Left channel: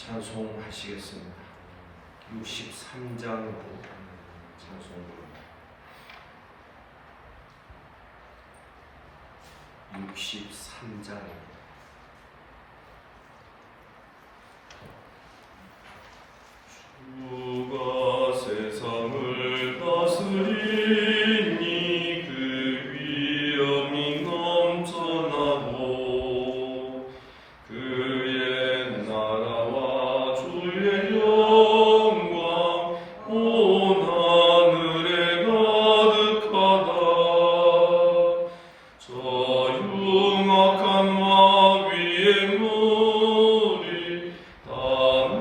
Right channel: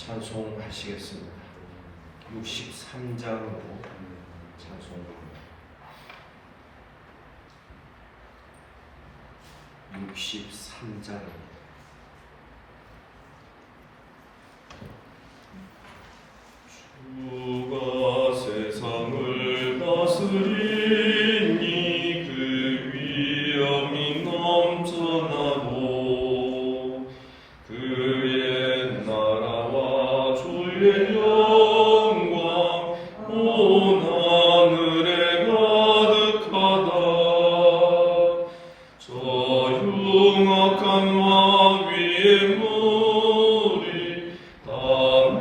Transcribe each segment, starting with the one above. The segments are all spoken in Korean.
찬송하시겠습니다. 63장으로 찬송합니다. 63장입니다. 주가 세상을 다스리니 그 위엄이 넘쳐나고 그의 나라와 주의 영광 온 하늘에 가득하다. 저 흉악한 마귀의 머리 다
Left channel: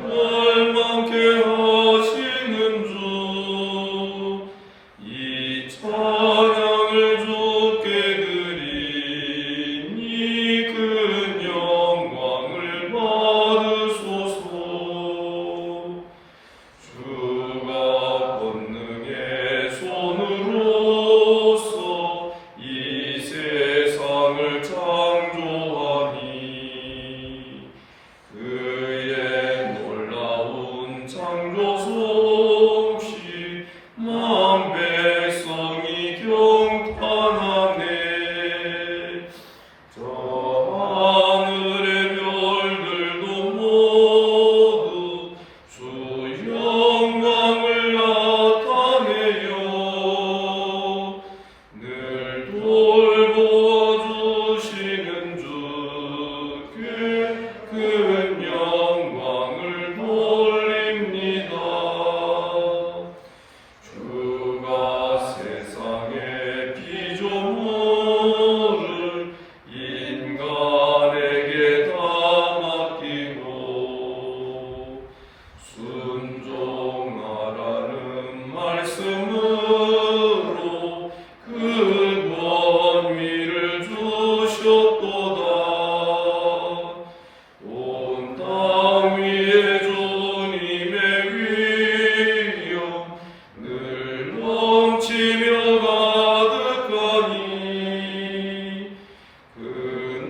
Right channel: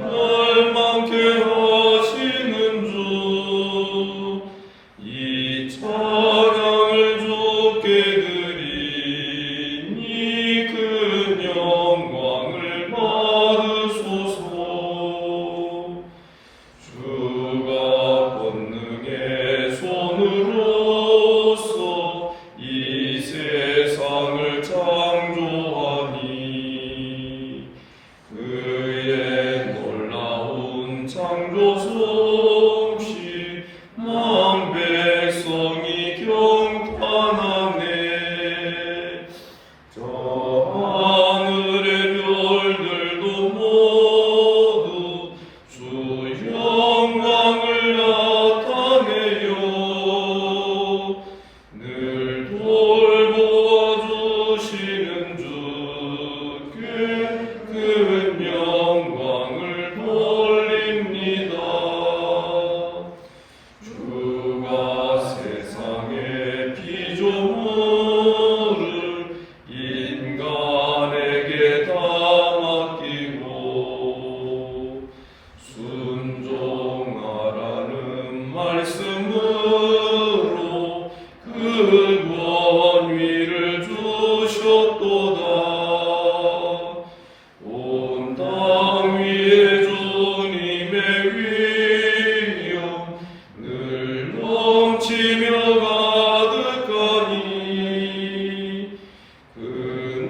멸망케 하시는 주, 이 찬양을 주께 드리니 그 영광을 받으소서. 주가 권능의 손으로서 이 세상을 창조하니 그의 놀라운 창조 솜씨 만 백성이 경탄하네. 저 하늘의 별들도 모두 주 영광을 나타내요. 늘 돌보주시는 주께 큰 영광을 돌립니다. 주가 세상의 피조물을 인간에게 다 맡기고 순종하라는 말씀으로 그 권위를 주셨도다. 온 땅 위에 주님의 위엄 늘 넘치며 가득하니 그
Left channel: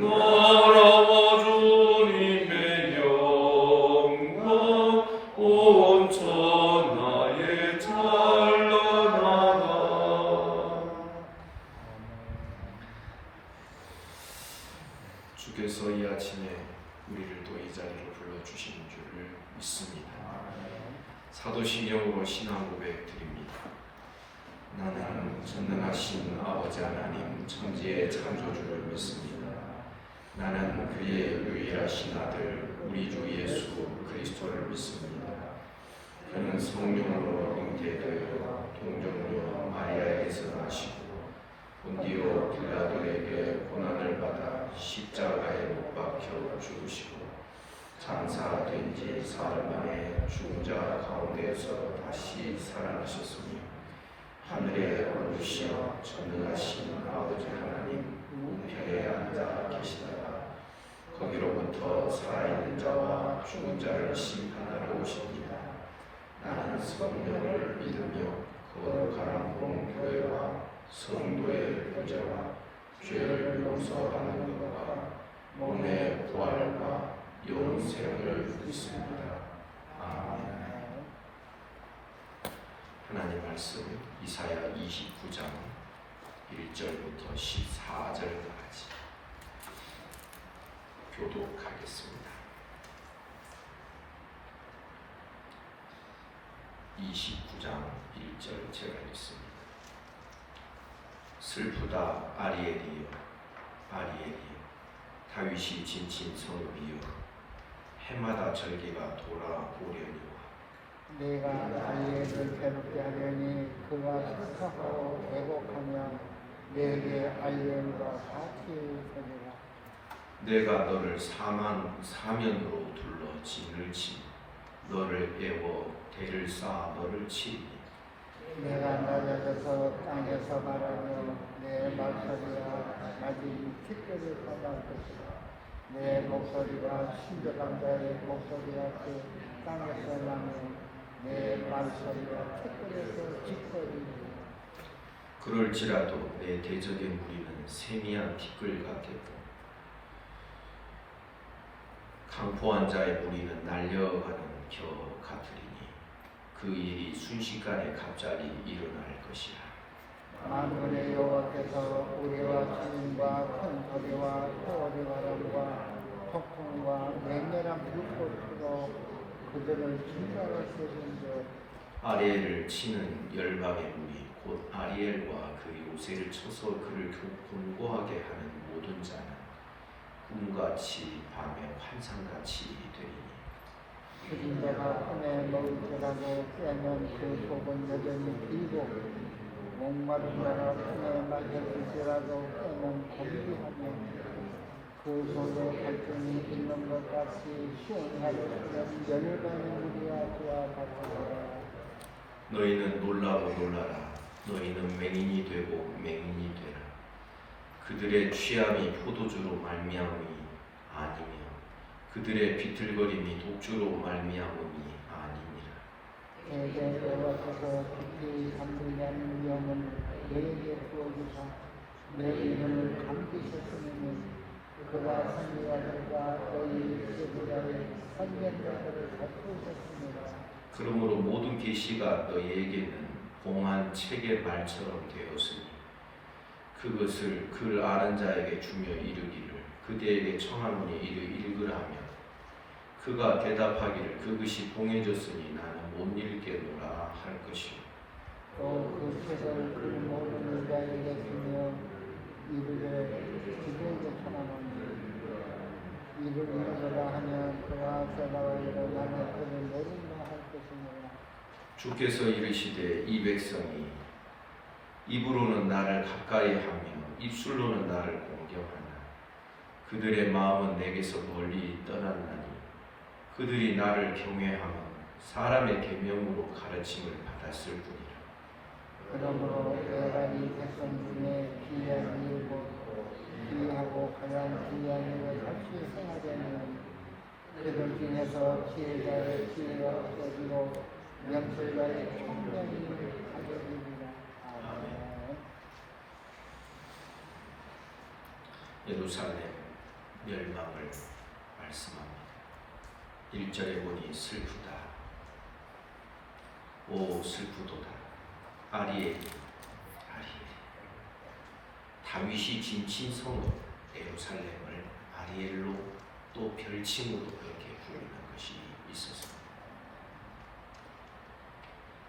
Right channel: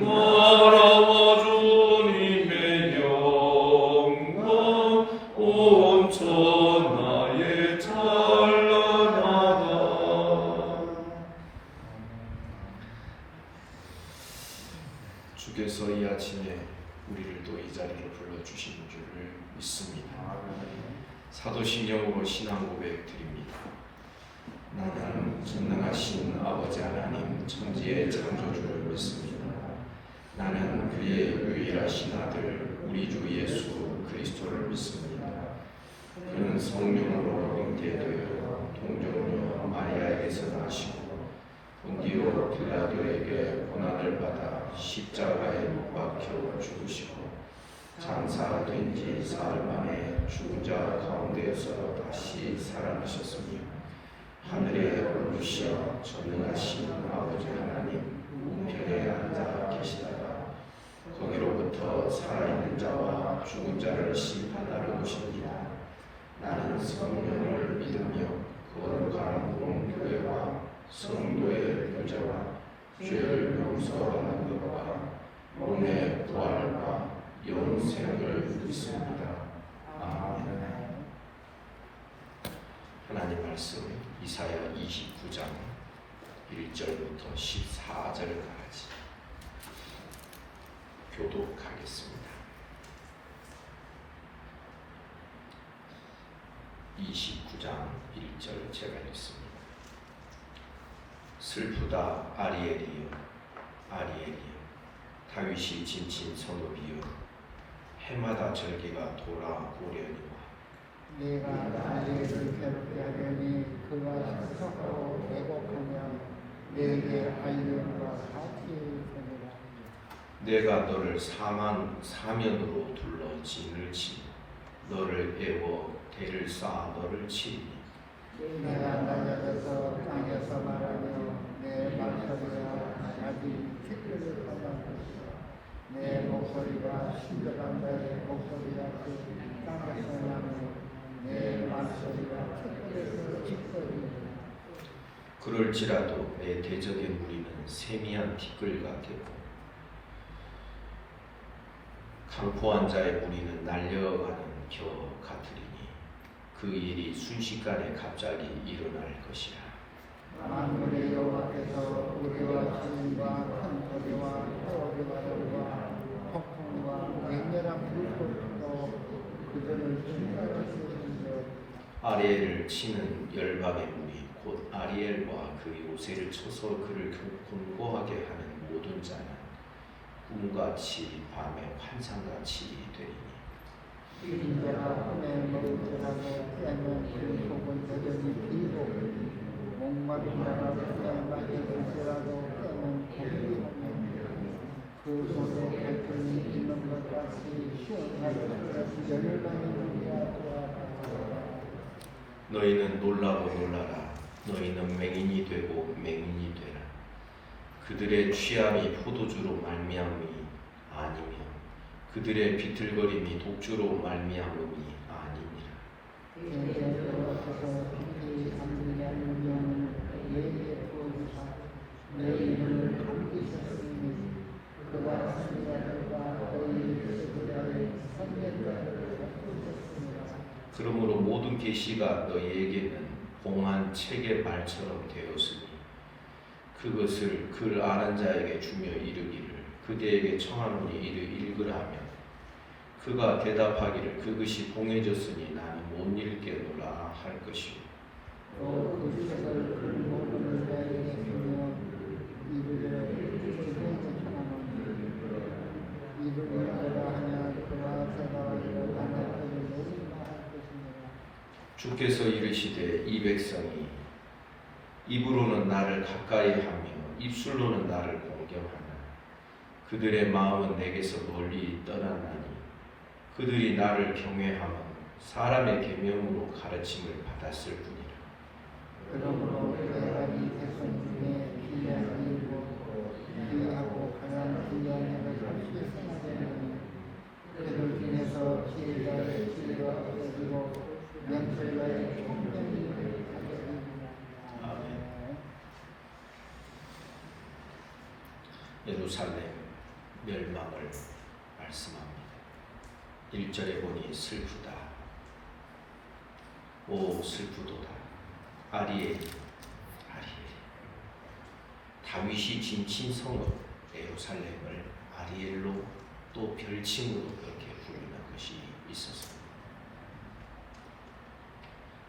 나라와 주님의 영광 온 천하에 찬란하다. 주께서 이 아침에 우리를 또 이 자리에 불러주신 줄을 믿습니다. 사도신령으로 신앙 고백 드립니다. 나는 전능하신 아버지 하나님 천지의 창조주를 믿습니다. 나는 그의 유일하신 아들 우리 주 예수 그리스도를 믿습니다. 그는 성령으로 잉태되어 동정녀 마리아에게서 나시고 본디오 빌라도에게 고난을 받아 십자가에 못 박혀 죽으시고 장사된 지 사흘 만에 죽은 자 가운데에서 다시 살아나셨으며 하늘에 오르시어 전능하신 아버지 하나님 우편에 앉아 계시다가 거기로부터 살아있는 자와 죽은 자를 심판하러 오십니다. 나는 성령을 믿으며 거룩한 공교회와 성도의 교제와 죄를 용서하는 것과 몸의 부활과 영생을 믿습니다. 아멘. 하나님 말씀 이사야 29장 1절부터 14절까지 교독하겠습니다. 29장 1절 제가 읽습니다. 슬프다 아리엘이여 아리엘이여 다윗이 진친 성읍이여 해마다 절기가 돌아오려니와 내가 아리엘을 괴롭게 하려니 그가 수상하고 회복하며 내게 알림으로 사티우니라. 내가 너를 사면으로 둘러 진을 치니 너를 빼고 대를 쌓아 너를 치리니 내가 낮아져서 땅에서 말하며 내 말소리가 자기 티끌을 떠날 것이다. 내 목소리가 신절한 자의 목소리 같이 땅에서 나며 내 말소리가 티끌을 찌푸리니 그럴지라도 내 대적의 무리는 세미한 티끌 같겠고 강포한 자의 무리는 날려가는 겨 같으리니 그 일이 순식간에 갑자기 일어날 것이라. 만군의 여호와께서 우리와 주님과 큰 소리와 소리와 폭풍과 맹렬한 불꽃으로 그들을 침략하시는데 아리엘을 치는 열방의 무리 곧 아리엘과 그 요새를 쳐서 그를 곤고하게 하는 모든 자는 꿈같이 밤에 환상같이 되니 내가 손에 먹으라고 빼면 그 복은 여전히 비고 목마른 나라 손에 맡겨질지라도 빼면 공기하며 그 속에 갈등이 있는 것 같이 시원하게 열매는 우리와 같으라. 너희는 놀라고 놀라라. 너희는 맹인이 되고 맹인이 되라. 그들의 취함이 포도주로 말미암으니 아니며 그들의 비틀거림이 독주로 말미암으니 아니니라. 내게 여호와께서 깊이 잠들면 명은 내게 보여주사 내 이름을 감기시으니 그가 선자들과 너희 제자들의 선견자를 살피셨습니다. 그러므로 모든 계시가 너희에게는 봉한 책의 말처럼 되었으니 그것을 글 아는 자에게 주며 이르기를 그대에게 청하노니 이를 읽으라면 그가 대답하기를 그것이 봉해졌으니 나는 못 읽겠노라 할 것이요. 또 그 책을 모든 자에게 주며 이르되 이를 읽으라 하면 그와 대답하기를 나는 그를 내리라 할 것입니다. 주께서 이르시되 이 백성이 입으로는 나를 가까이 하며 입술로는 나를 공경하나 그들의 마음은 내게서 멀리 떠나나니 그들이 나를 경외하며 사람의 계명으로 가르침을 받았을 뿐이라. 그러므로 내가 이 백성 중에 기이하고 그냥 기이한 일을 할수 생기는 그들 중에서 지혜자의 지혜와 거지로 명철자의 총명이 예루살렘 멸망을 말씀합니다. 1절에 보니 슬프다. 오 슬프도다. 아리엘 다윗이 진친 성읍 예루살렘을 아리엘로 또 별칭으로 그렇게 부르는 것이 있었습니다.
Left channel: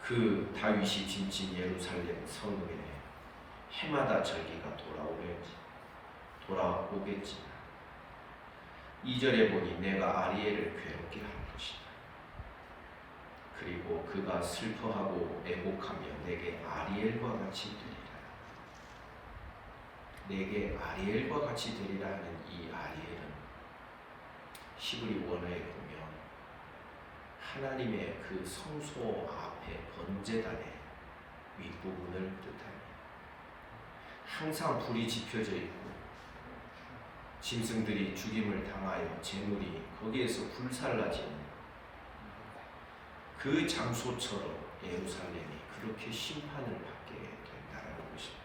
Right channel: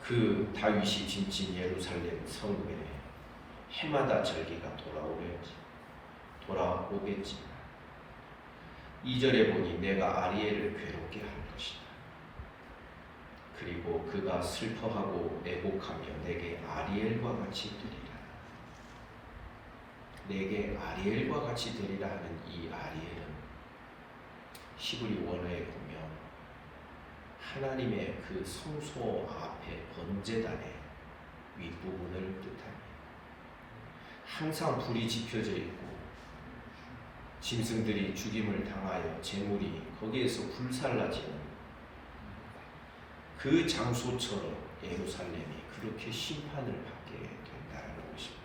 그 다윗이 진친 예루살렘 성읍에 해마다 절기가 돌아오겠지만 2절에 보니 내가 아리엘을 괴롭게 할 것이다. 그리고 그가 슬퍼하고 애곡하며 내게 아리엘과 같이 되리라. 내게 아리엘과 같이 되리라 하는 이 아리엘은 히브리 원어에 보면 하나님의 그 성소 앞에 번제단의 윗부분을 뜻합니다. 항상 불이 지펴져 있고 짐승들이 죽임을 당하여 제물이 거기에서 불살라지는 그 장소처럼 예루살렘이 그렇게 심판을 받게 된다는 것입니다.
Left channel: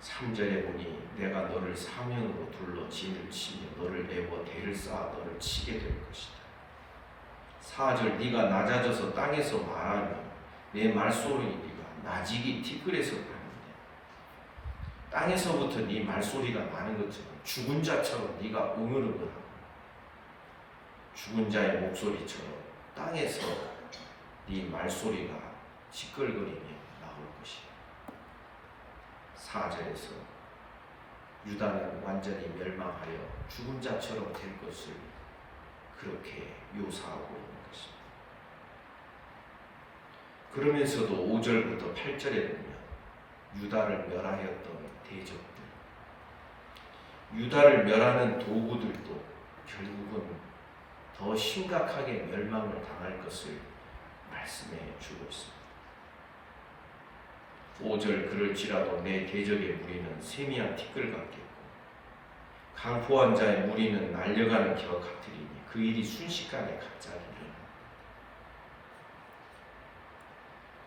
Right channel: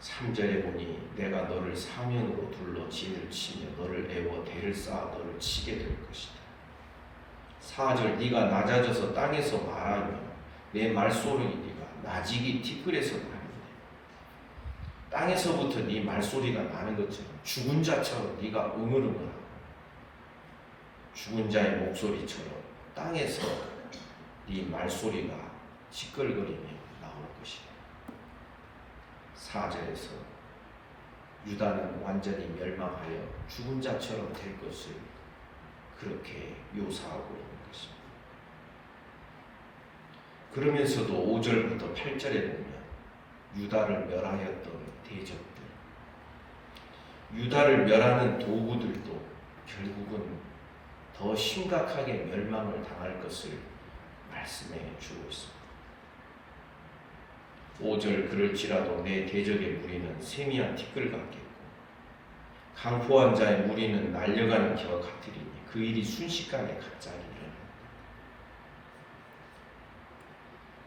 3절에 보니 내가 너를 사명으로 둘러 진을 치며 너를 내어 대를 쌓아 너를 치게 될 것이다. 4절 네가 낮아져서 땅에서 말하며 내 말소리가 나직이 티끌에서 나니 땅에서부터 네 말소리가 나는 것처럼 죽은 자처럼 네가 응을응을하고 죽은 자의 목소리처럼 땅에서 네 말소리가 시끌거리며 나올 것이다. 4절에서 유다는 완전히 멸망하여 죽은 자처럼 될 것을 그렇게 묘사하고 있는 것입니다. 그러면서도 5절부터 8절에 보면 유다를 멸하였던 대적들, 유다를 멸하는 도구들도 결국은 더 심각하게 멸망을 당할 것을 말씀해 주고 있습니다. 5절 그럴지라도 내 대적의 무리는 세미한 티끌 같겠고 강포한 자의 무리는 날려가는 겨 같으리니 그 일이 순식간에 갑자기 일어납니다.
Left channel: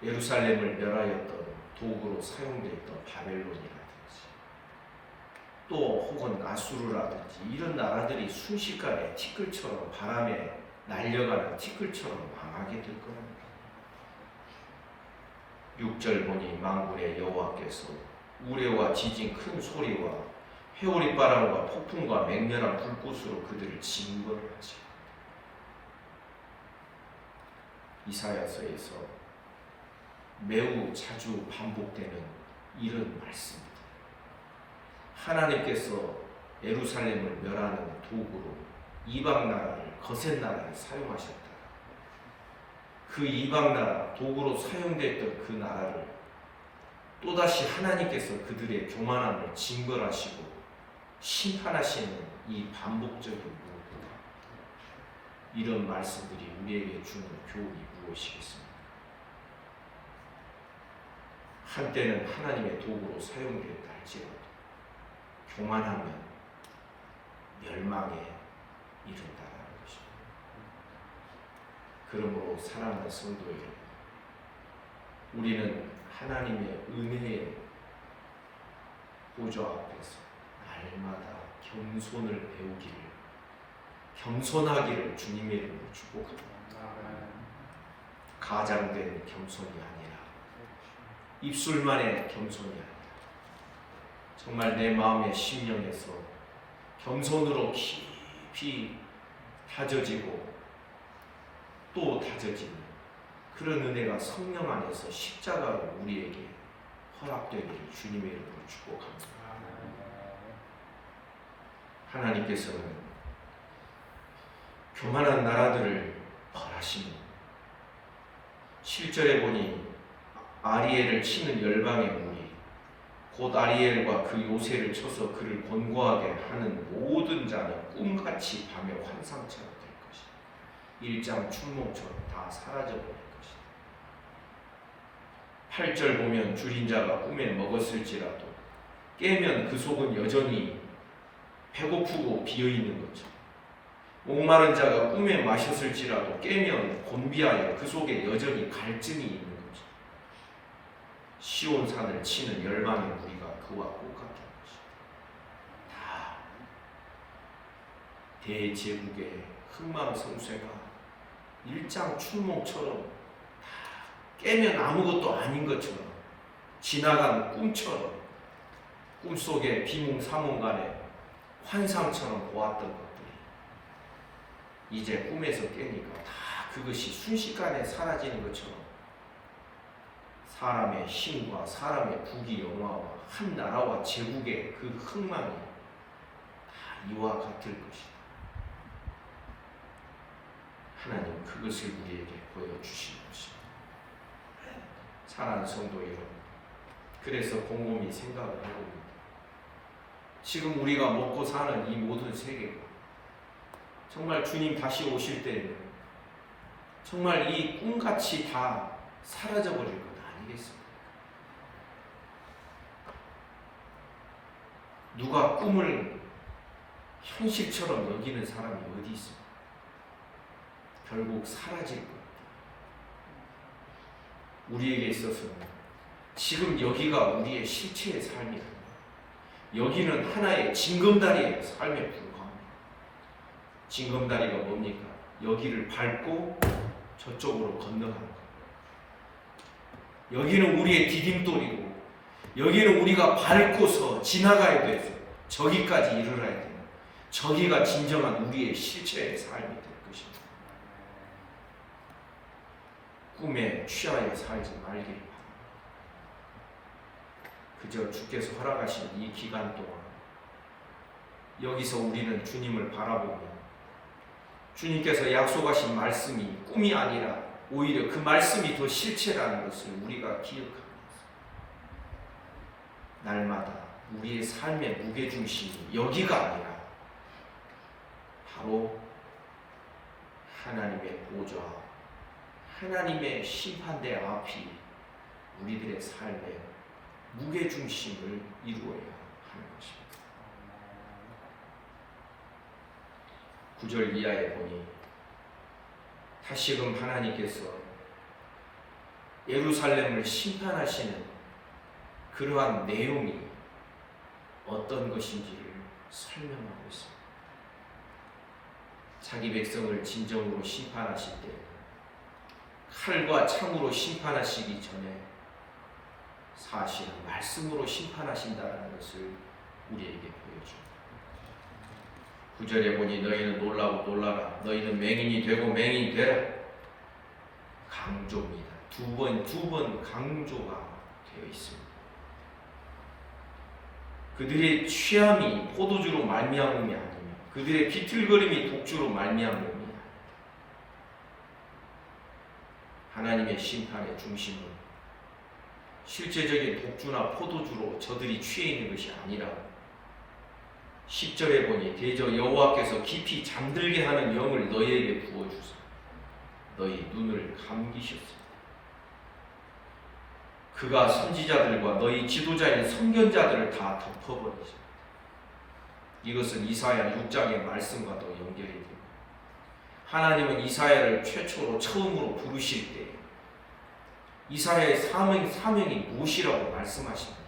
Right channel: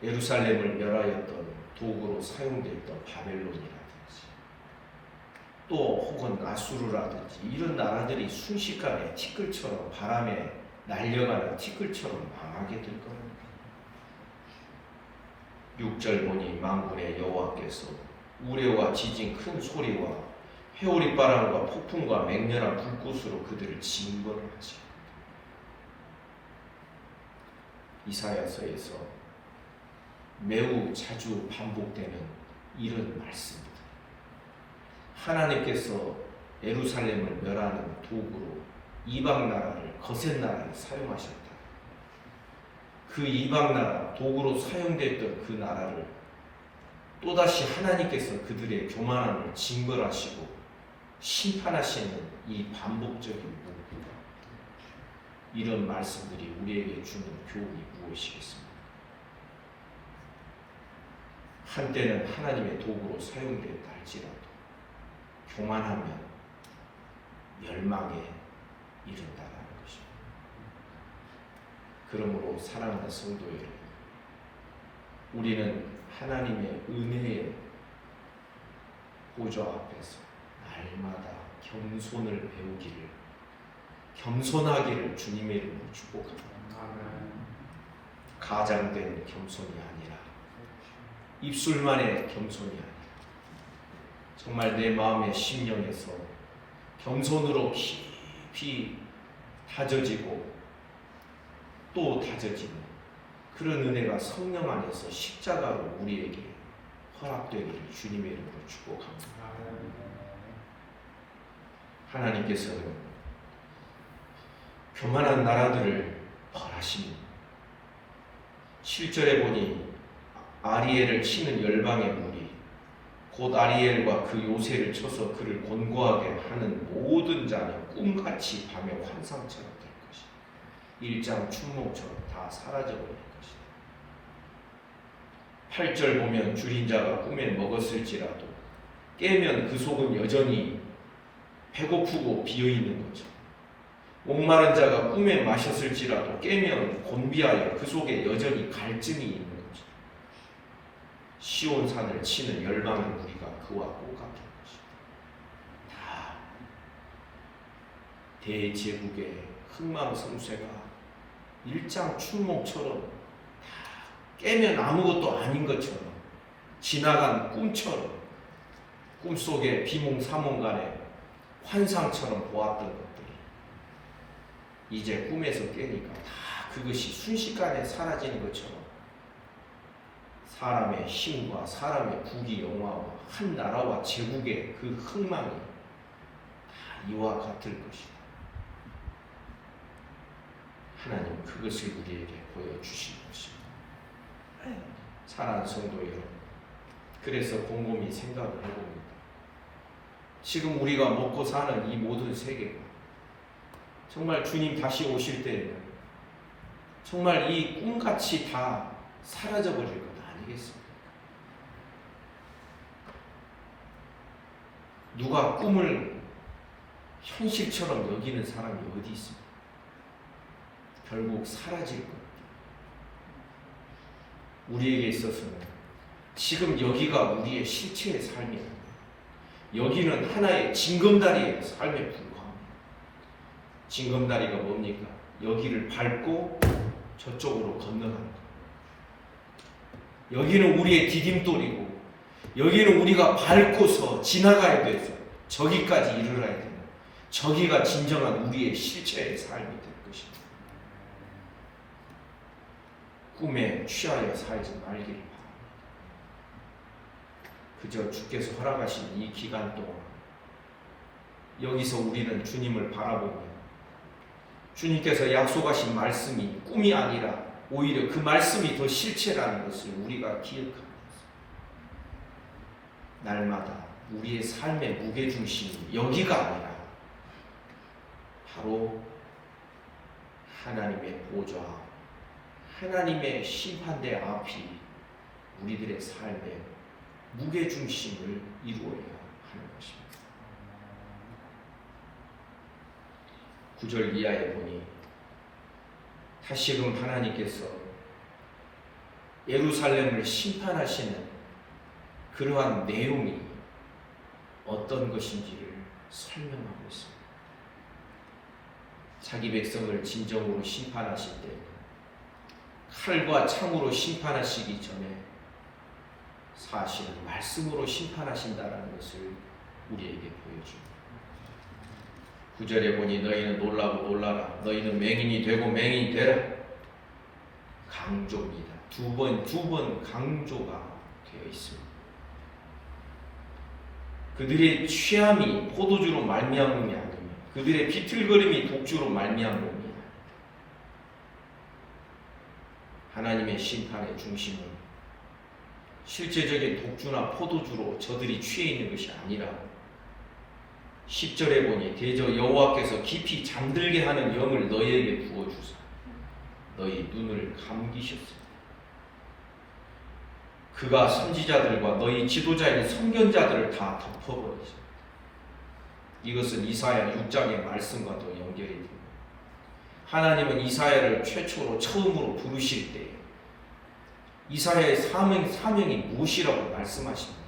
예루살렘을 멸하였던 도구로 사용됐던 바벨론이라든지 또 혹은 아수르라든지 이런 나라들이 순식간에 티끌처럼 바람에 날려가는 티끌처럼 망하게 될 겁니다. 6절 보니 만군의 여호와께서 우레와 지진 큰 소리와 회오리 바람과 폭풍과 맹렬한 불꽃으로 그들을 징벌하지. 이사야서에서 매우 자주 반복되는 이런 말씀입니다. 하나님께서 예루살렘을 멸하는 도구로 이방 나라를, 거센 나라를 사용하셨다. 그 이방 나라, 도구로 사용됐던 그 나라를 또다시 하나님께서 그들의 교만함을 징벌하시고 심판하시는 이 반복적인 문구다. 이런 말씀들이 우리에게 주는 교훈이 무엇이겠습니까? 한때는 하나님의 도구로 사용됐다 할지라도 교만하면 멸망에 이른다는 것입니다. 그러므로 사랑하는 성도 여러분, 우리는 하나님의 은혜의 보좌 앞에서 날마다 겸손을 배우기를, 겸손하기를 주님의 이름으로 축복합니다. 가장된 겸손이 아니라 입술만의 겸손이 아니라 정말 내 마음의 심령에서 겸손으로 깊이 다져지고 또 다져지는 그런 은혜가 성령 안에서 십자가로 우리에게 허락되기를 주님의 이름으로 축복합니다. 하나님께서는 교만한 나라들을 벌하십니다. 7절에 보니 아리엘을 치는 열방의 무리, 곧 아리엘과 그 요새를 쳐서 그를 곤고하게 하는 모든 자는 꿈같이 밤의 환상처럼 될 것이다. 일장 춘몽처럼 다 사라져버릴 것이다. 8절 보면 줄인 자가 꿈에 먹었을지라도 깨면 그 속은 여전히 배고프고 비어있는 거죠. 목마른 자가 꿈에 마셨을지라도 깨면 곤비하여 그 속에 여전히 갈증이 있는 거죠. 시온산을 치는 열방의 무리가 그와 똑같은 것이다. 다 대제국의 흥망성쇠가 일장춘몽처럼 다 깨면 아무것도 아닌 것처럼 지나간 꿈처럼 꿈속에 비몽사몽간에 환상처럼 보았던 것들이 이제 꿈에서 깨니까 다 그것이 순식간에 사라지는 것처럼 사람의 힘과 사람의 국위 영화와 한 나라와 제국의 그 흥망이 다 이와 같을 것이다. 하나님 그것을 우리에게 보여주신 것입니다. 사랑하는 성도 여러분, 그래서 곰곰이 생각을 해봅니다. 지금 우리가 먹고 사는 이 모든 세계가 정말 주님 다시 오실 때에는 정말 이 꿈같이 다 사라져버릴 것 아니겠습니까? 누가 꿈을 현실처럼 여기는 사람이 어디 있습니까? 결국 사라질 겁니다. 우리에게 있어서는 지금 여기가 우리의 실체의 삶이 아닙니다. 여기는 하나의 징검다리의 삶에 불과합니다. 징검다리가 뭡니까? 여기를 밟고 저쪽으로 건너갑니다. 여기는 우리의 디딤돌이고 여기는 우리가 밟고서 지나가야 돼서 저기까지 이르러야 됩니다. 저기가 진정한 우리의 실체의 삶이 될 것입니다. 꿈에 취하여 살지 말길 바랍니다. 그저 주께서 허락하신 이 기간 동안 여기서 우리는 주님을 바라보며 주님께서 약속하신 말씀이 꿈이 아니라 오히려 그 말씀이 더 실체라는 것을 우리가 기억합니다. 날마다 우리의 삶의 무게중심이 여기가 아니라 바로 하나님의 보좌, 하나님의 심판대 앞이 우리들의 삶의 무게중심을 이루어야 하는 것입니다. 9절 이하에 보니 다시금 하나님께서 예루살렘을 심판하시는 그러한 내용이 어떤 것인지를 설명하고 있습니다. 자기 백성을 진정으로 심판하실 때 칼과 창으로 심판하시기 전에 사실은 말씀으로 심판하신다는 것을 우리에게 보여줍니다. 9절에 보니 너희는 놀라고 놀라라. 너희는 맹인이 되고 맹인이 되라. 강조입니다. 두 번 강조가 되어 있습니다. 그들의 취함이 포도주로 말미암음이 아닙니다. 그들의 비틀거림이 독주로 말미암음이 아닙니다. 하나님의 심판의 중심은 실제적인 독주나 포도주로 저들이 취해 있는 것이 아니라 10절에 보니 대저 여호와께서 깊이 잠들게 하는 영을 너희에게 부어주사 너희 눈을 감기셨으니 그가 선지자들과 너희 지도자인 선견자들을 다 덮어버리죠. 이것은 이사야 6장의 말씀과도 연결이 됩니다. 하나님은 이사야를 최초로 처음으로 부르실 때 이사야의 사명이 무엇이라고 말씀하십니까?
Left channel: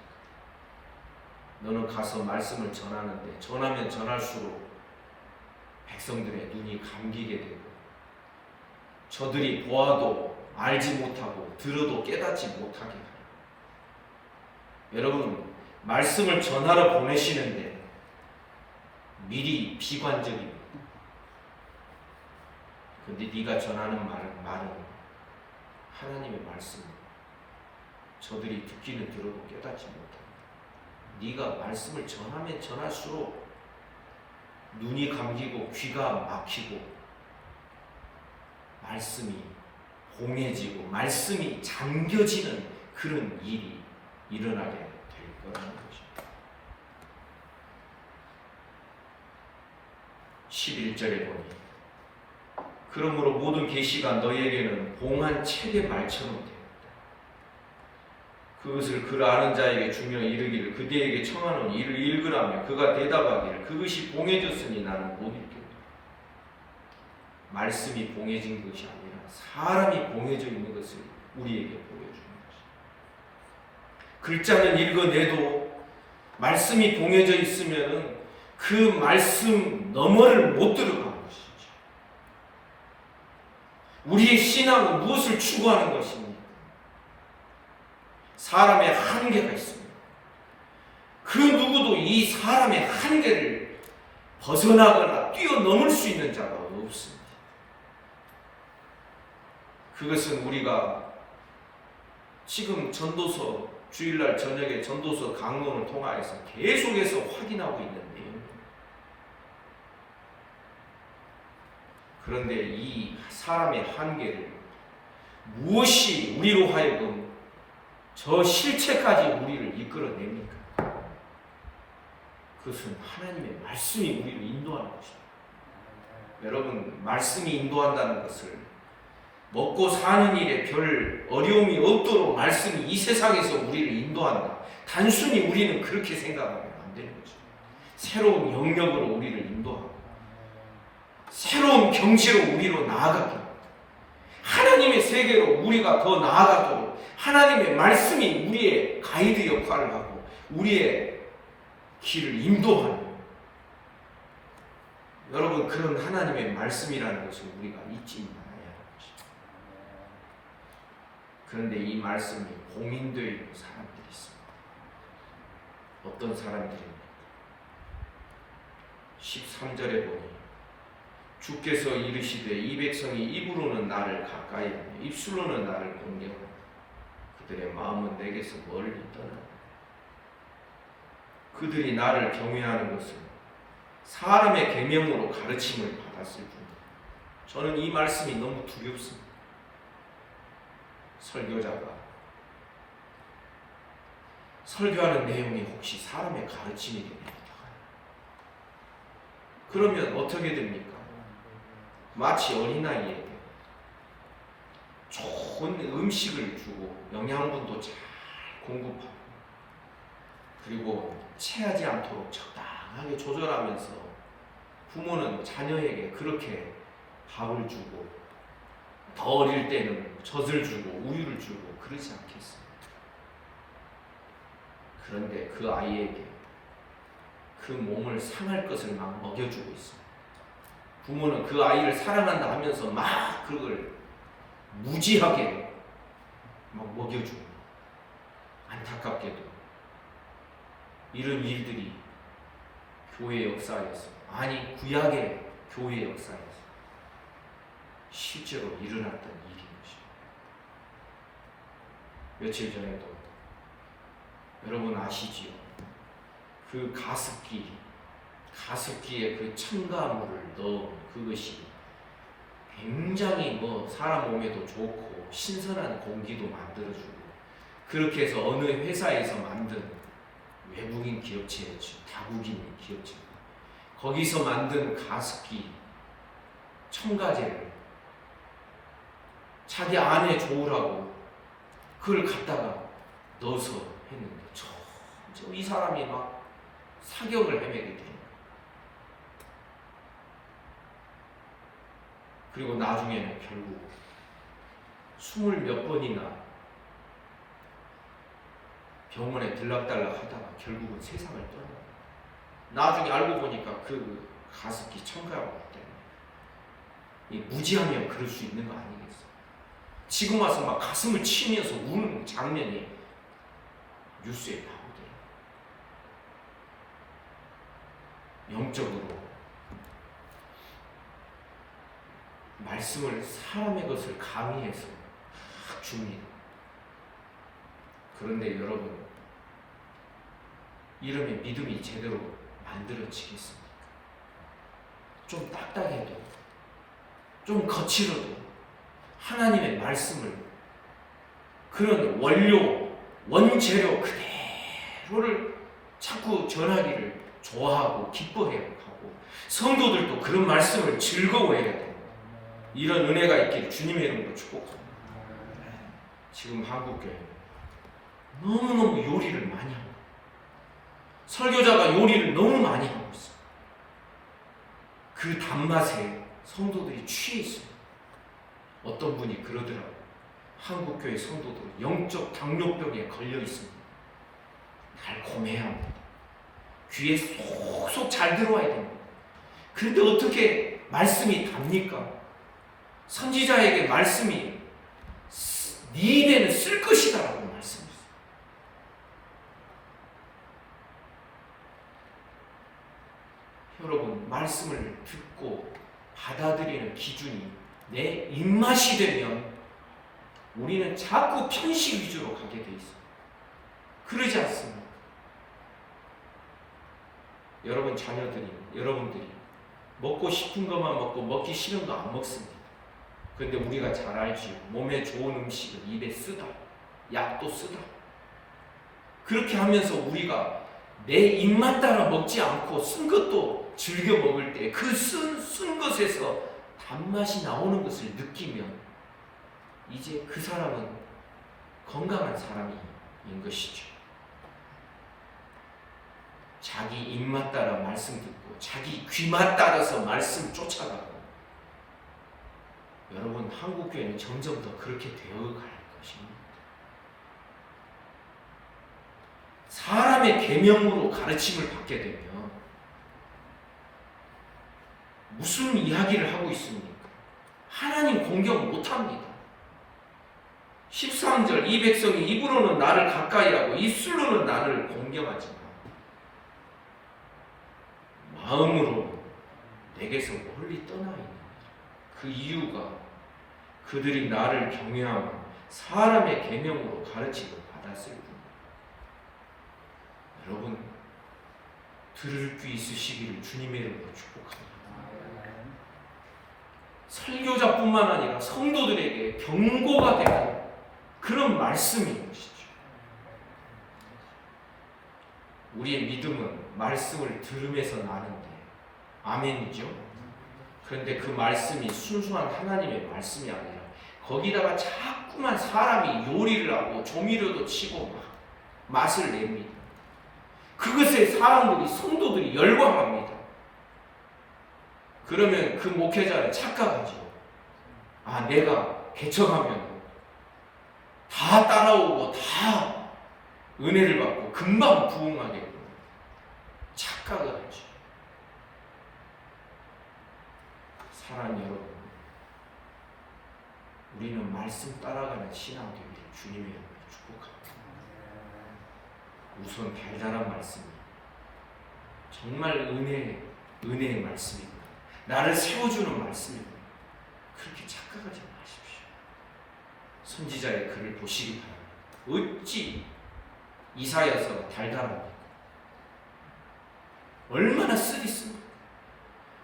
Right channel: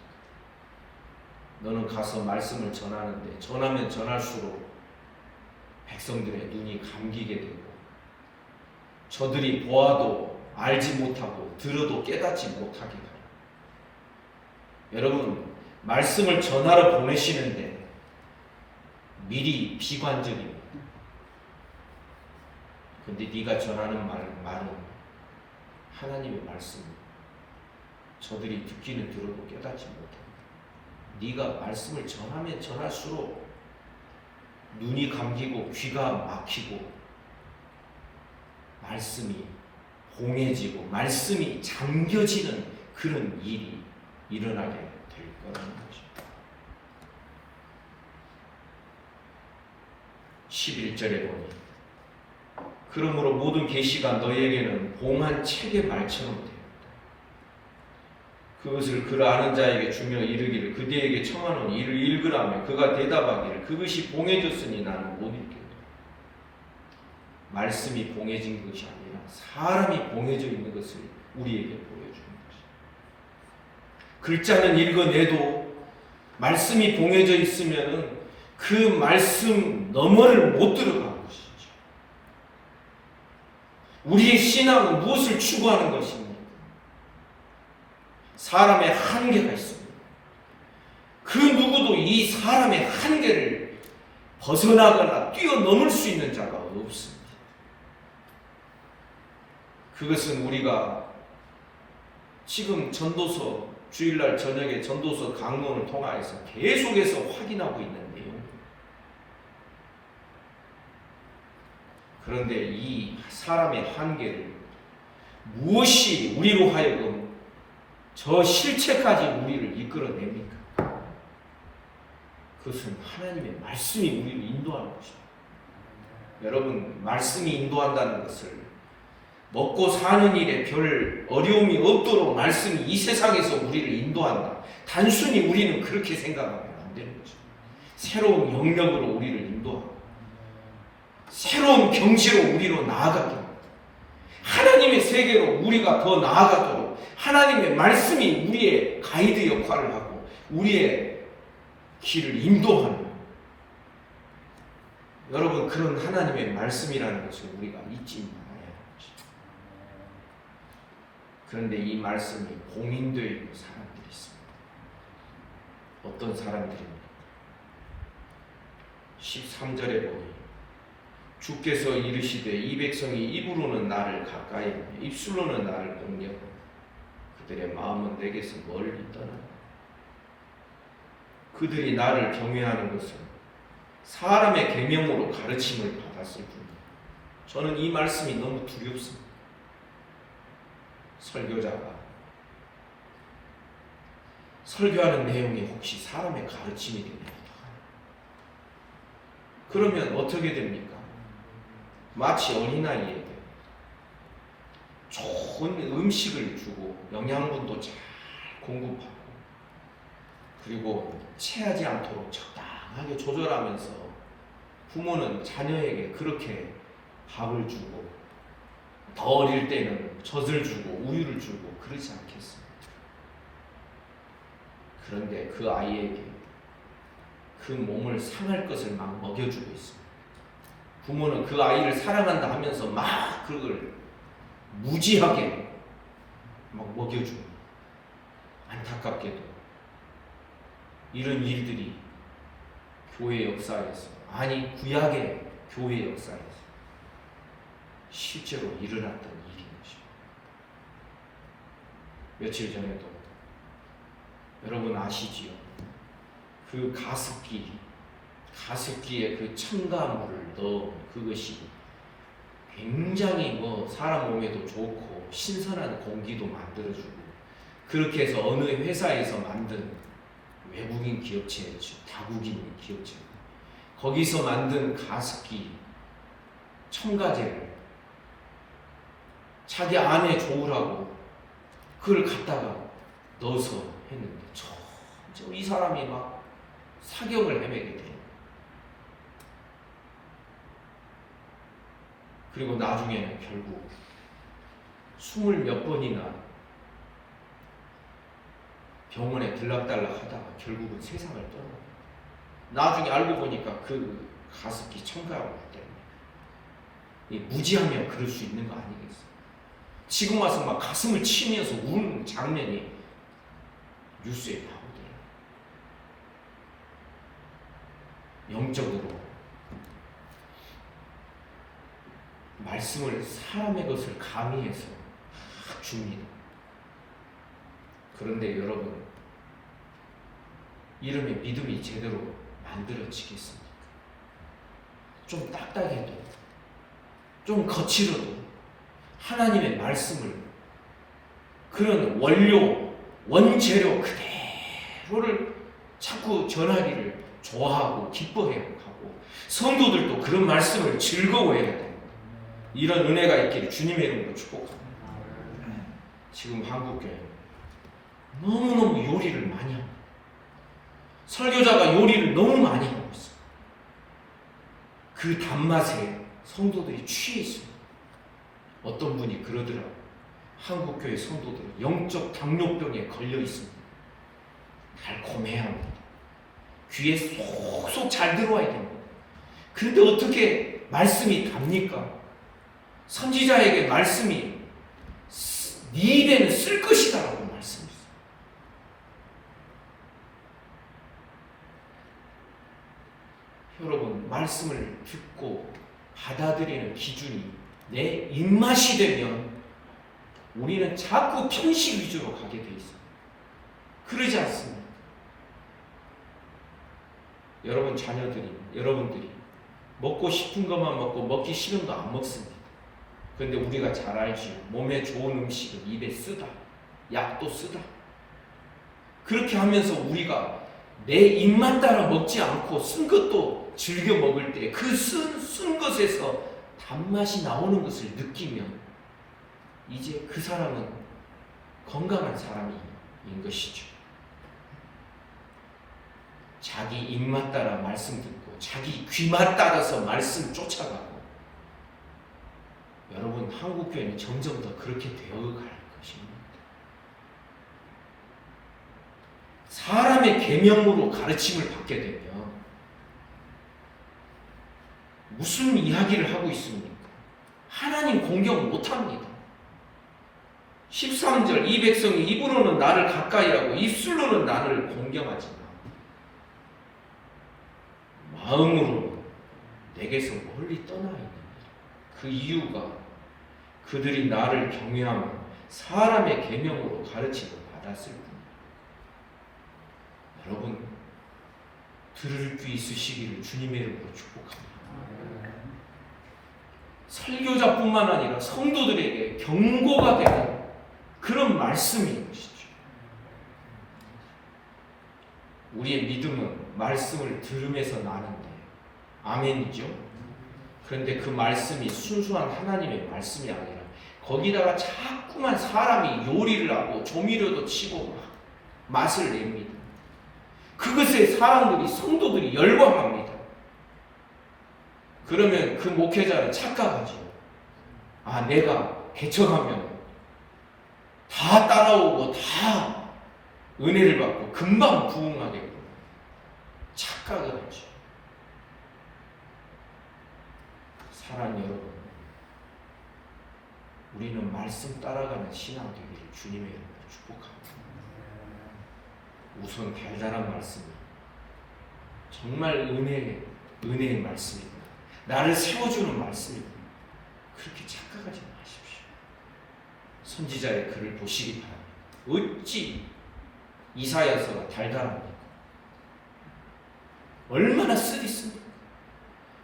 너는 가서 말씀을 전하는데 전하면 전할수록 백성들의 눈이 감기게 되고 저들이 보아도 알지 못하고 들어도 깨닫지 못하게 돼요. 여러분, 말씀을 전하러 보내시는데 미리 비관적이에요. 근데 네가 전하는 말은 하나님의 말씀이에요. 저들이 듣기는 들어도 깨닫지 못합니다. 네가 말씀을 전하면 전할수록 눈이 감기고 귀가 막히고 말씀이 공해지고 말씀이 잠겨지는 그런 일이 일어나게 될 거라는 거죠. 11절에 보니 그러므로 모든 계시가 너희에게는 봉한 책의 말처럼 되었다. 그것을 글 아는 자에게 주며 이르기를 그대에게 청하노니 이를 읽으라며 그가 대답하기를 그것이 봉해졌으니 나는 못 읽겠다. 말씀이 봉해진 것이 아니라 사람이 봉해져 있는 것을 우리에게 보여주는 것입니다. 글자는 읽어내도 말씀이 봉해져 있으면 그 말씀 너머를 못 들어가는 것이죠. 우리의 신앙은 무엇을 추구하는 것입니까? 사람의 한계가 있습니다. 그 누구도 이 사람의 한계를 벗어나거나 뛰어넘을 수 있는 자가 없습니다. 그것은 우리가 지금 전도서 주일날 저녁에 전도서 강론을 통하여서 계속해서 확인하고 있는 내용입니다. 그런데 이 사람의 한계를 무엇이 우리로 하여금 저 실체까지 우리를 이끌어냅니까? 그것은 하나님의 말씀이 우리를 인도하는 것입니다. 여러분, 말씀이 인도한다는 것을 먹고 사는 일에 별 어려움이 없도록 말씀이 이 세상에서 우리를 인도한다. 단순히 우리는 그렇게 생각하면 안 되는 거죠. 새로운 영역으로 우리를 인도하고 새로운 경지로 우리로 나아가도록 하나님의 세계로 우리가 더 나아가도록 하나님의 말씀이 우리의 가이드 역할을 하고 우리의 길을 인도하는 여러분, 그런 하나님의 말씀이라는 것을 우리가 잊지 말아야 합니다. 그런데 이 말씀이 봉인되어 있는 사람들이 있습니다. 어떤 사람들입니까? 13절에 보니 주께서 이르시되 이 백성이 입으로는 나를 가까이 하며 입술로는 나를 경외하고 그들의 마음은 내게서 멀리 떠난다. 그들이 나를 경외하는 것은 사람의 계명으로 가르침을 받았을 뿐입니다. 저는 이 말씀이 너무 두렵습니다. 설교자가 설교하는 내용이 혹시 사람의 가르침이 됩니까? 그러면 어떻게 됩니까? 마치 어린아이에게 좋은 음식을 주고 영양분도 잘 공급하고 그리고 체하지 않도록 적당하게 조절하면서 부모는 자녀에게 그렇게 밥을 주고 더 어릴 때는 젖을 주고 우유를 주고 그러지 않겠습니까? 그런데 그 아이에게 그 몸을 상할 것을 막 먹여주고 있습니다. 부모는 그 아이를 사랑한다 하면서 막 그걸 무지하게 막 먹여주고, 안타깝게도 이런 일들이 교회 역사에서, 아니 구약의 교회 역사에서 실제로 일어났던 일인 것입니다. 며칠 전에도 여러분 아시지요? 그 가습기에 그 첨가물을 넣어 그것이 굉장히 사람 몸에도 좋고 신선한 공기도 만들어주고, 그렇게 해서 어느 회사에서 만든 외국인 기업체였죠. 다국인 기업체. 거기서 만든 가습기 첨가제를 자기 안에 좋으라고 그걸 갖다가 넣어서 했는데 이 사람이 막 사경을 헤매게 돼요. 그리고 나중에는 결국 20몇 번이나 병원에 들락달락 하다가 결국은 세상을 떠나요. 나중에 알고 보니까 그 가습기 첨가라고 때문에. 무지하면 그럴 수 있는 거 아니겠어요? 지금 와서 막 가슴을 치면서 우는 장면이 뉴스에 나오더라고요. 영적으로 말씀을, 사람의 것을 강의해서 막 줍니다. 그런데 여러분, 이러면 믿음이 제대로 만들어지겠습니까? 좀 딱딱해도, 좀 거칠어도 하나님의 말씀을, 그런 원재료 그대로를 자꾸 전하기를 좋아하고 기뻐해야 하고, 성도들도 그런 말씀을 즐거워해야 됩니다. 이런 은혜가 있기를 주님의 이름으로 축복합니다. 지금 한국교회 너무너무 요리를 많이 하고, 설교자가 요리를 너무 많이 하고 있어요. 그 단맛에 성도들이 취해 있습니다. 어떤 분이 그러더라고요. 한국교회 성도들은 영적 당뇨병에 걸려 있습니다. 달콤해야 합니다. 귀에 쏙쏙 잘 들어와야 됩니다. 그런데 어떻게 말씀이 답니까? 선지자에게 말씀이 네 입에는 쓸 것이다 라고 말씀했어요. 여러분, 말씀을 듣고 받아들이는 기준이 내 입맛이 되면 우리는 자꾸 편식 위주로 가게 돼 있어요. 그러지 않습니까? 여러분 여러분들이 먹고 싶은 것만 먹고 먹기 싫은 거 안 먹습니다. 그런데 우리가 잘 알죠. 몸에 좋은 음식을 입에 쓰다, 약도 쓰다. 그렇게 하면서 우리가 내 입맛 따라 먹지 않고 쓴 것도 즐겨 먹을 때 그 쓴 것에서 단맛이 나오는 것을 느끼면 이제 그 사람은 건강한 사람인 것이죠. 자기 입맛 따라 말씀 듣고 자기 귀맛 따라서 말씀 쫓아가고, 여러분 한국교회는 점점 더 그렇게 되어갈 것입니다. 사람의 계명으로 가르침을 받게 되면 무슨 이야기를 하고 있습니까? 하나님 공경 못합니다. 13절, 이 백성이 입으로는 나를 가까이 하고 입술로는 나를 공경하지만 마음으로 내게서 멀리 떠나 있는 그 이유가 그들이 나를 경외하며 사람의 계명으로 가르침을 받았을 뿐. 여러분, 들을 귀 있으시기를 주님의 이름으로 축복합니다. 설교자뿐만 아니라 성도들에게 경고가 되는 그런 말씀인 것이죠. 우리의 믿음은 말씀을 들으면서 나는데 아멘이죠. 그런데 그 말씀이 순수한 하나님의 말씀이 아니라 거기다가 자꾸만 사람이 요리를 하고 조미료도 치고 막 맛을 냅니다. 그것에 사람들이, 성도들이 열광합니다. 그러면 그 목회자는 착각하죠. 아, 내가 개척하면 다 따라오고 다 은혜를 받고 금방 부흥하겠구나. 착각. 착각을 하죠. 사랑하는 여러분, 우리는 말씀 따라가는 신앙 되기를 주님의 이름으로 축복합니다. 우선 달달한 말씀, 정말 은혜의 말씀입니다. 나를 세워주는 말씀입니다. 그렇게 착각하지 마십시오. 선지자의 글을 보시기 바랍니다. 어찌 이사야서가 달달합니까? 얼마나 쓰리씁니까?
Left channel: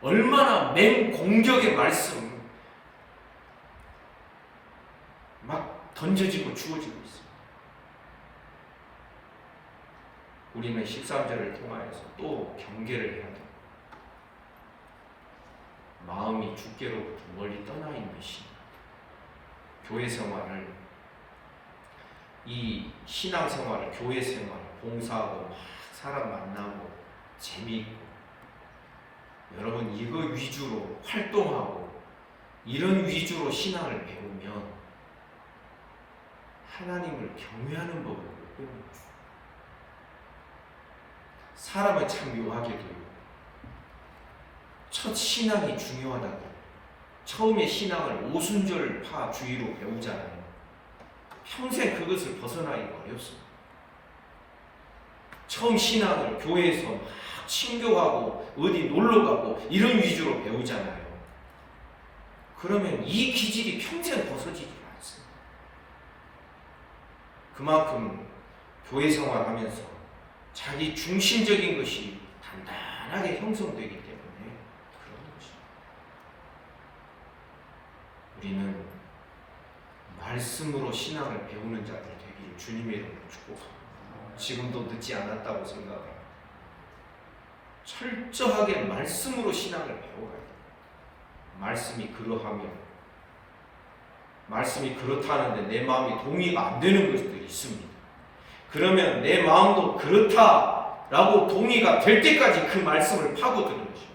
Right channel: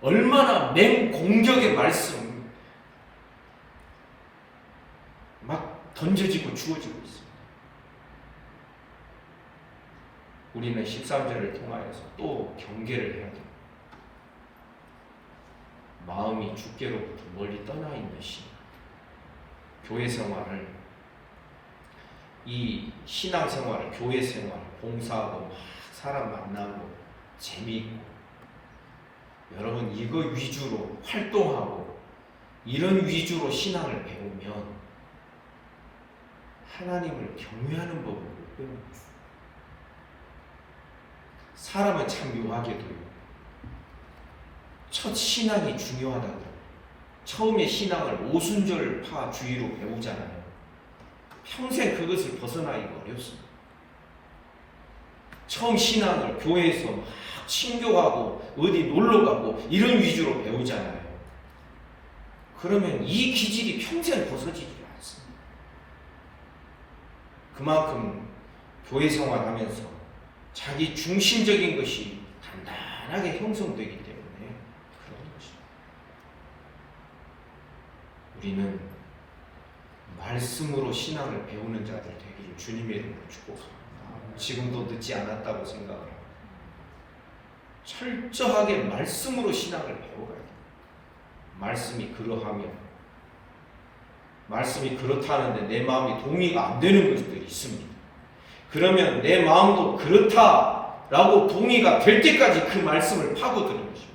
얼마나 맹공격의 말씀 막 던져지고 주어지고 있습니다. 우리는 13절을 통하여서 또 경계를 해야 됩니다. 마음이 주께로부터 멀리 떠나 있는 신앙, 교회 생활을, 이 신앙 생활을, 교회 생활, 봉사하고 막 사람 만나고 재미있고, 여러분 이거 위주로 활동하고 이런 위주로 신앙을 배우면 하나님을 경외하는 법을 못 배웁니다. 사람은 참 묘하게도요, 첫 신앙이 중요하다고 처음에 신앙을 오순절파 주의로 배우잖아요. 평생 그것을 벗어나기가 어렵습니다. 처음 신앙을 교회에서 막 친교하고 어디 놀러가고 이런 위주로 배우잖아요. 그러면 이 기질이 평생 벗어지지 않습니다. 그만큼 교회 생활하면서 자기 중심적인 것이 단단하게 형성되기 때문에 그런 것입니다. 우리는 말씀으로 신앙을 배우는 자들 되기를 주님의 이름으로 축복합니다. 지금도 늦지 않았다고 생각합니다. 철저하게 말씀으로 신앙을 배워가야 됩니다. 말씀이 그러하며, 말씀이 그렇다는데 내 마음이 동의가 안 되는 것들이 있습니다. 그러면 내 마음도 그렇다라고 동의가 될 때까지 그 말씀을 파고드는 거죠.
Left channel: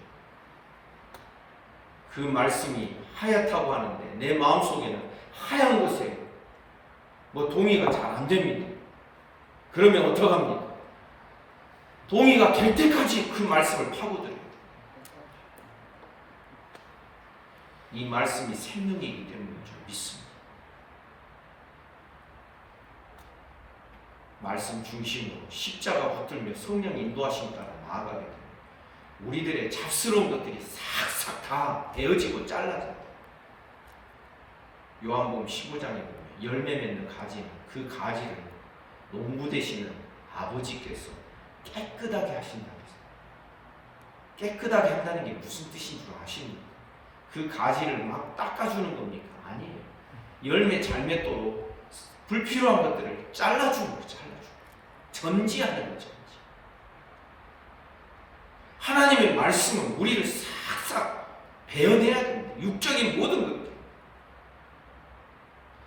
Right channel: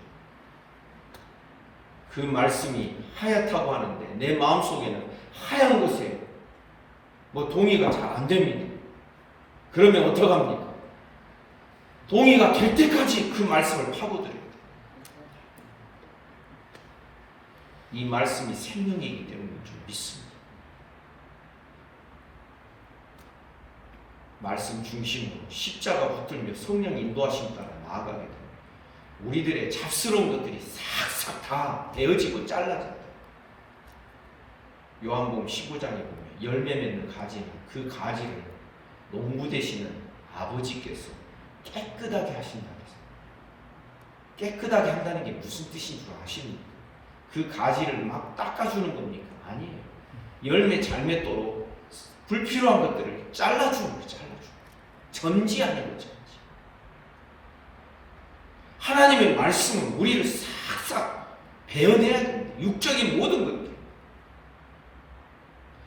그 말씀이 하얗다고 하는데 내 마음속에는 하얀 것에 뭐 동의가 잘 안 됩니다. 그러면 어떡합니까? 동의가 될 때까지 그 말씀을 파고들어요. 이 말씀이 생명이기 때문인 줄 믿습니다. 말씀 중심으로 십자가 붙들며 성령 인도하신 따라 나아가게 됩니다. 우리들의 잡스러운 것들이 싹싹 다 베어지고 잘라집니다. 요한복음 15장에 보면 열매 맺는 가지는 그 가지를 농부 되시는 아버지께서 깨끗하게 하신다. 깨끗하게 한다는 게 무슨 뜻인 줄 아십니까? 그 가지를 막 닦아주는 겁니까? 아니에요. 열매 잘 맺도록 불필요한 것들을 잘라주는 거예요. 잘라주는 거예요. 전지하는 거죠. 하나님의 말씀은 우리를 싹싹 베어내야 됩니다. 육적인 모든 것들.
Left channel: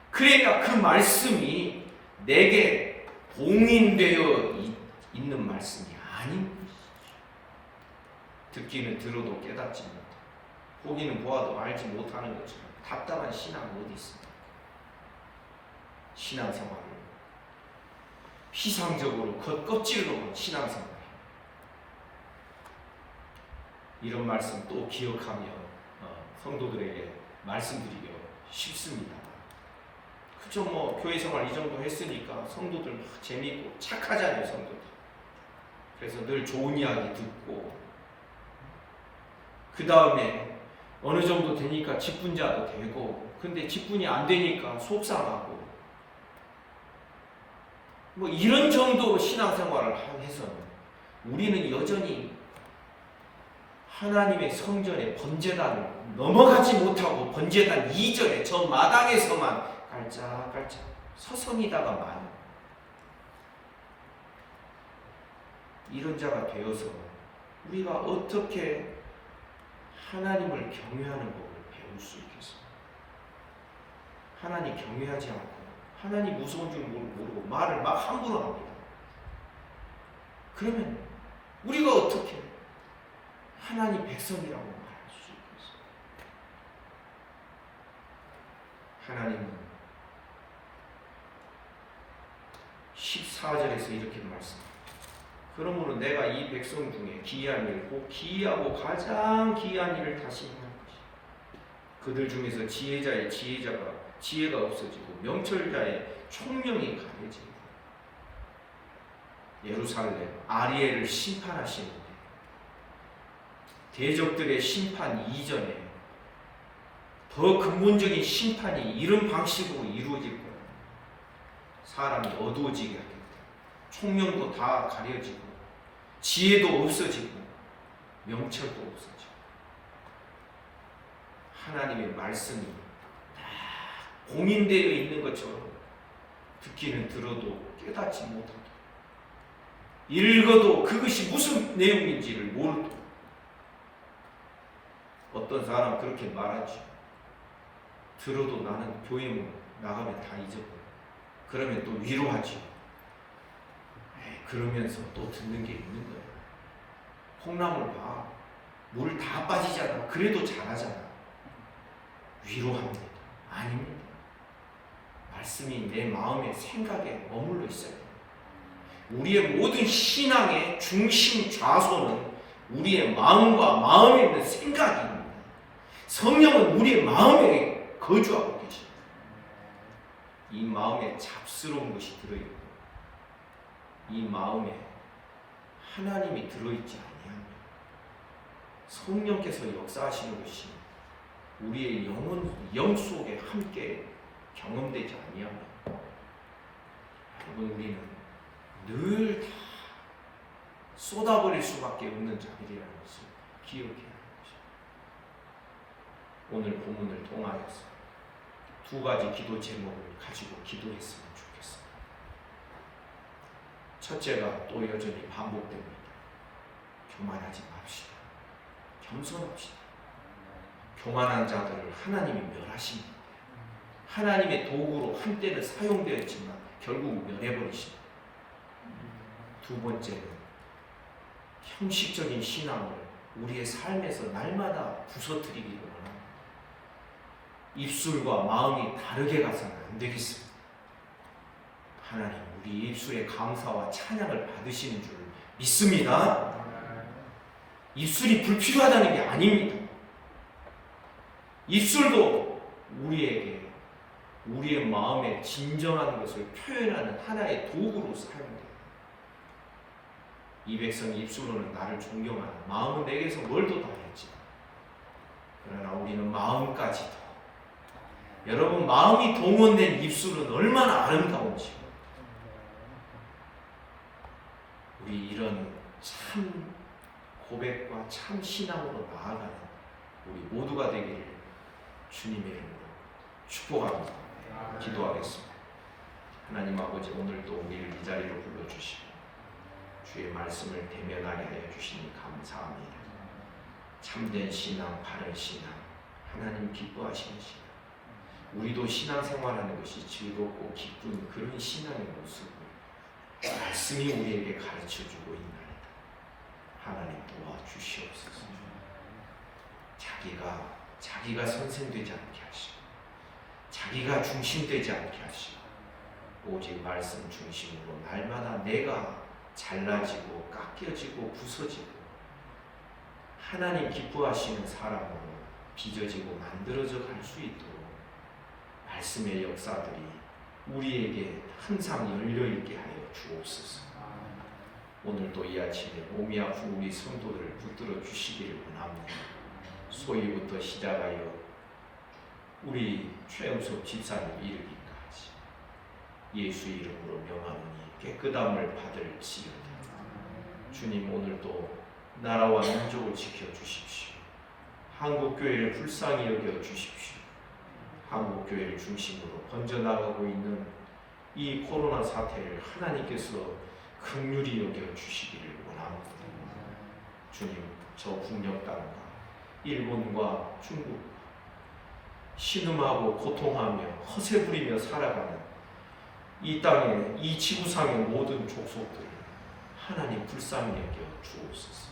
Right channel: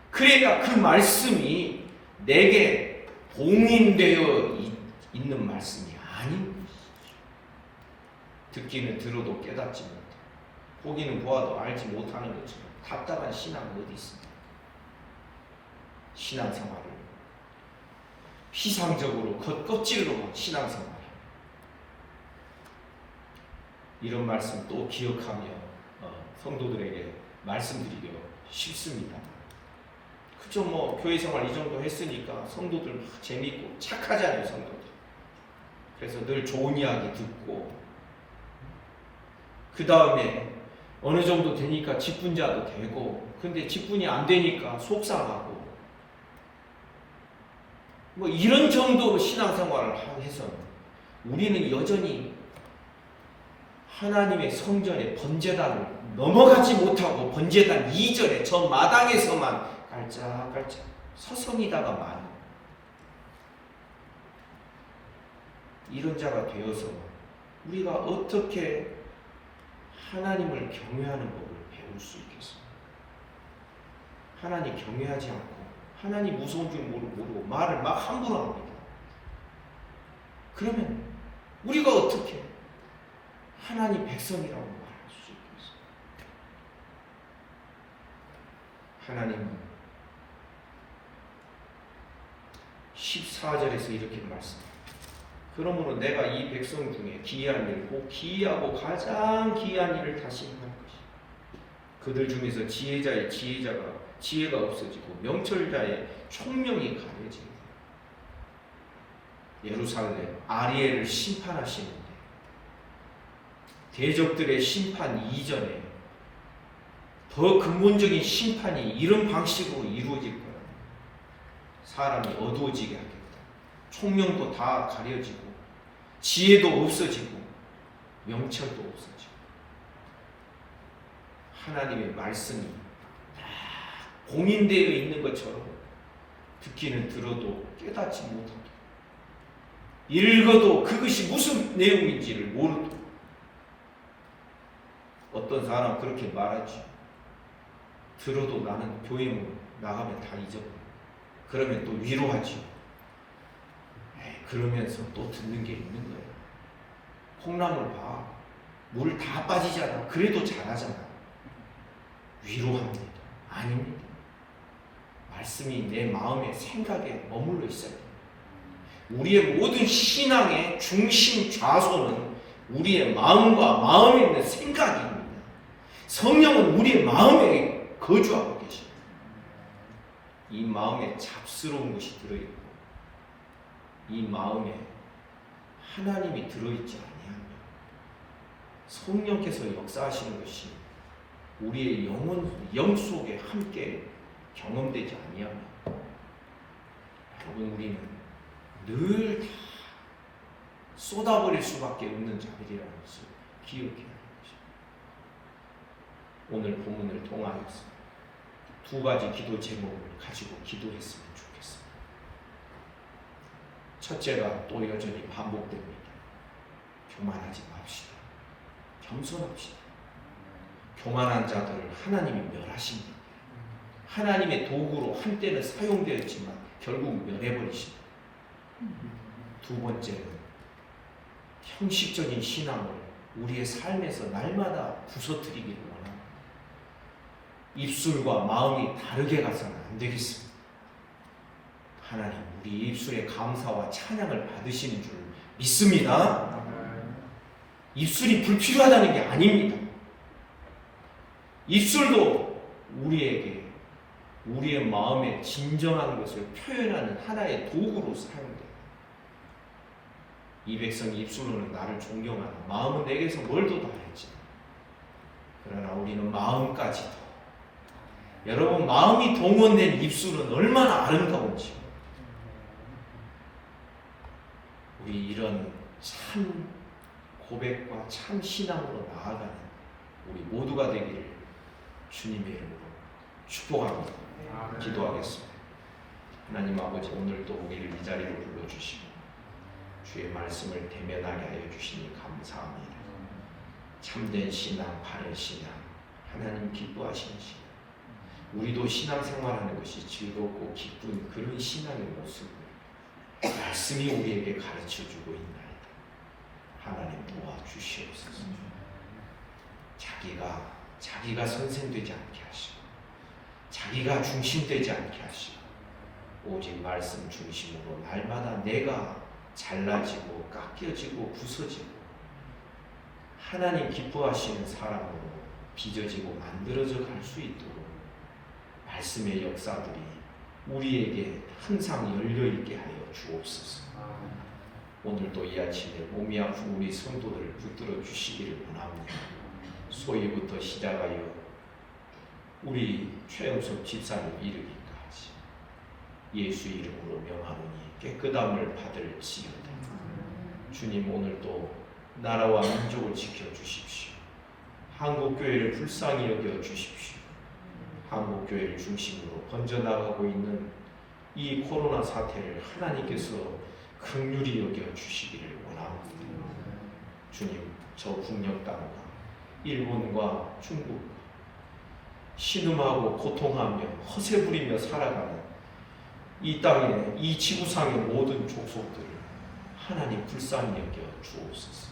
그러니까 그 말씀이 내게 봉인되어 있는 말씀이 아닌 것이죠. 듣기는 들어도 깨닫지 못하고 보기는 보아도 알지 못하는 것처럼 답답한 신앙이 어디 있습니까? 신앙생활을 피상적으로 겉껍질로만 신앙생활, 이런 말씀 또 기억하며 성도들에게 말씀드리기 쉽습니다. 그죠? 뭐 교회 생활 이 정도 했으니까 성도들 막 재미있고 착하잖아요, 성도들. 그래서 늘 좋은 이야기 듣고, 그 다음에 어느 정도 되니까 직분자도 되고, 근데 직분이 안 되니까 속상하고, 뭐 이런 정도로 신앙생활을 해서 우리는 여전히 하나님의 성전의 번제단을 넘어가지 못하고 번제단 이전에 저 마당에서만 깔짝깔짝 서성이다가 많이, 이런 자가 되어서 우리가 어떻게 하나님을 경외하는 법을 배울 수 있겠습니까? 하나님 경외하지 않고 하나님 무서운 줄 모르고 말을 막 함부로 합니다. 그러면 우리가 어떻게 하나님 백성이라고 말할 수 있겠습니까? 하나님은 14절에서 이렇게 말씀합니다. 그러므로 내가 이 백성 중에 기이한 일, 꼭 기이하고 가장 기이한 일을 다시 행할 것이다. 그들 중에서 지혜가 없어지고 명철자의 총명이 가려집니다. 예루살렘 아리엘을 심판하시는데 대적들의 심판 이전에 더 근본적인 심판이 이런 방식으로 이루어질 거라. 사람이 어두워지게 하겠다. 총명도 다 가려지고 지혜도 없어지고 명철도 없어지고 하나님의 말씀이 다 공인되어 있는 것처럼 듣기는 들어도 깨닫지 못하고 읽어도 그것이 무슨 내용인지를 모르고 어떤 사람 그렇게 말하지. 들어도 나는 교회 나가면 다 잊어버려. 그러면 또 위로하지. 그러면서 또 듣는 게 있는 거야. 콩나물 봐. 물 다 빠지잖아. 그래도 잘하잖아. 위로합니다. 아닙니다. 말씀이 내 마음의 생각에 머물러 있어요. 우리의 모든 신앙의 중심 좌소는 우리의 마음과 마음에 있는 생각입니다. 성령은 우리의 마음에 거주하고 계십니다. 이 마음에 잡스러운 것이 들어있고 이 마음에 하나님이 들어있지 아니하며 성령께서 역사하시는 것이 우리의 영 속에 함께 경험되지 아니하며 여러분 우리는 늘 다 쏟아버릴 수밖에 없는 자들이라는 것을 기억해야 합니다. 오늘 본문을 통하여서 두 가지 기도 제목을 가지고 기도했으면 좋겠습니다. 첫째가 또 여전히 반복됩니다. 교만하지 맙시다. 겸손합시다. 교만한 자들을 하나님이 멸하십니다. 하나님의 도구로 한때는 사용되었지만 결국 멸해버리십니다. 두 번째는 형식적인 신앙을 우리의 삶에서 날마다 부서뜨리기를 원합니다. 입술과 마음이 다르게 가서는 안 되겠습니다. 하나님 우리 입술의 감사와 찬양을 받으시는 줄 믿습니다. 입술이 불필요하다는 게 아닙니다. 입술도 우리에게 우리의 마음에 진정한 것을 표현하는 하나의 도구로 사용됩니다. 이 백성이 입술로는 나를 존경하는 마음은 내게서 멀도 다했지. 그러나 우리는 마음까지도 여러분 마음이 동원된 입술은 얼마나 아름다운지 우리 이런 참 고백과 참 신앙으로 나아가는 우리 모두가 되기를 주님의 이름으로 축복합니다. 기도하겠습니다. 하나님 아버지 오늘도 우리를 이 자리로 불러주시고 주의 말씀을 대면하게 하여 주시니 감사합니다. 참된 신앙, 바른 신앙, 하나님 기뻐하시는 신앙 우리도 신앙생활하는 것이 즐겁고 기쁜 그런 신앙의 모습을 말씀이 우리에게 가르쳐주고 있나이다. 하나님 도와주시옵소서. 자기가 선생되지 않게 하시고 자기가 중심되지 않게 하시고 오직 말씀 중심으로 날마다 내가 잘라지고 깎여지고 부서지고 하나님 기뻐하시는 사람으로 빚어지고 만들어져 갈 수 있도록 말씀의 역사들이 우리에게 항상 열려있게 하여 주옵소서. 오늘도 이 아침에 몸이 아픈 우리 성도들을 붙들어 주시기를 원합니다. 소위부터 시작하여 우리 최영석 집사님 이르기까지 예수 이름으로 명하노니 깨끗함을 받을지어다. 주님 오늘도 나라와 민족을 지켜주십시오. 한국교회를 불쌍히 여겨주십시오. 한국교회를 중심으로 번져나가고 있는 이 코로나 사태를 하나님께서 긍휼히 여겨주시기를 원합니다. 주님 저 북녘 땅과 일본과 중국 신음하고 고통하며 허세 부리며 살아가는 이 땅에 이 지구상의 모든 족속들을 하나님 불쌍히 여겨 주옵소서.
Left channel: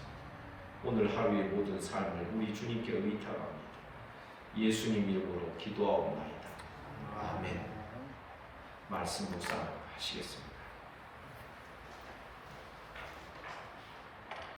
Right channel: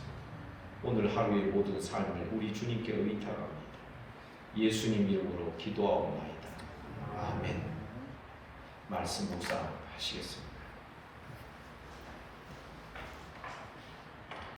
오늘 하루의 모든 삶을 우리 주님께 의탁합니다. 예수님 이름으로 기도하옵나이다. 아멘. 말씀 묵상하시겠습니다.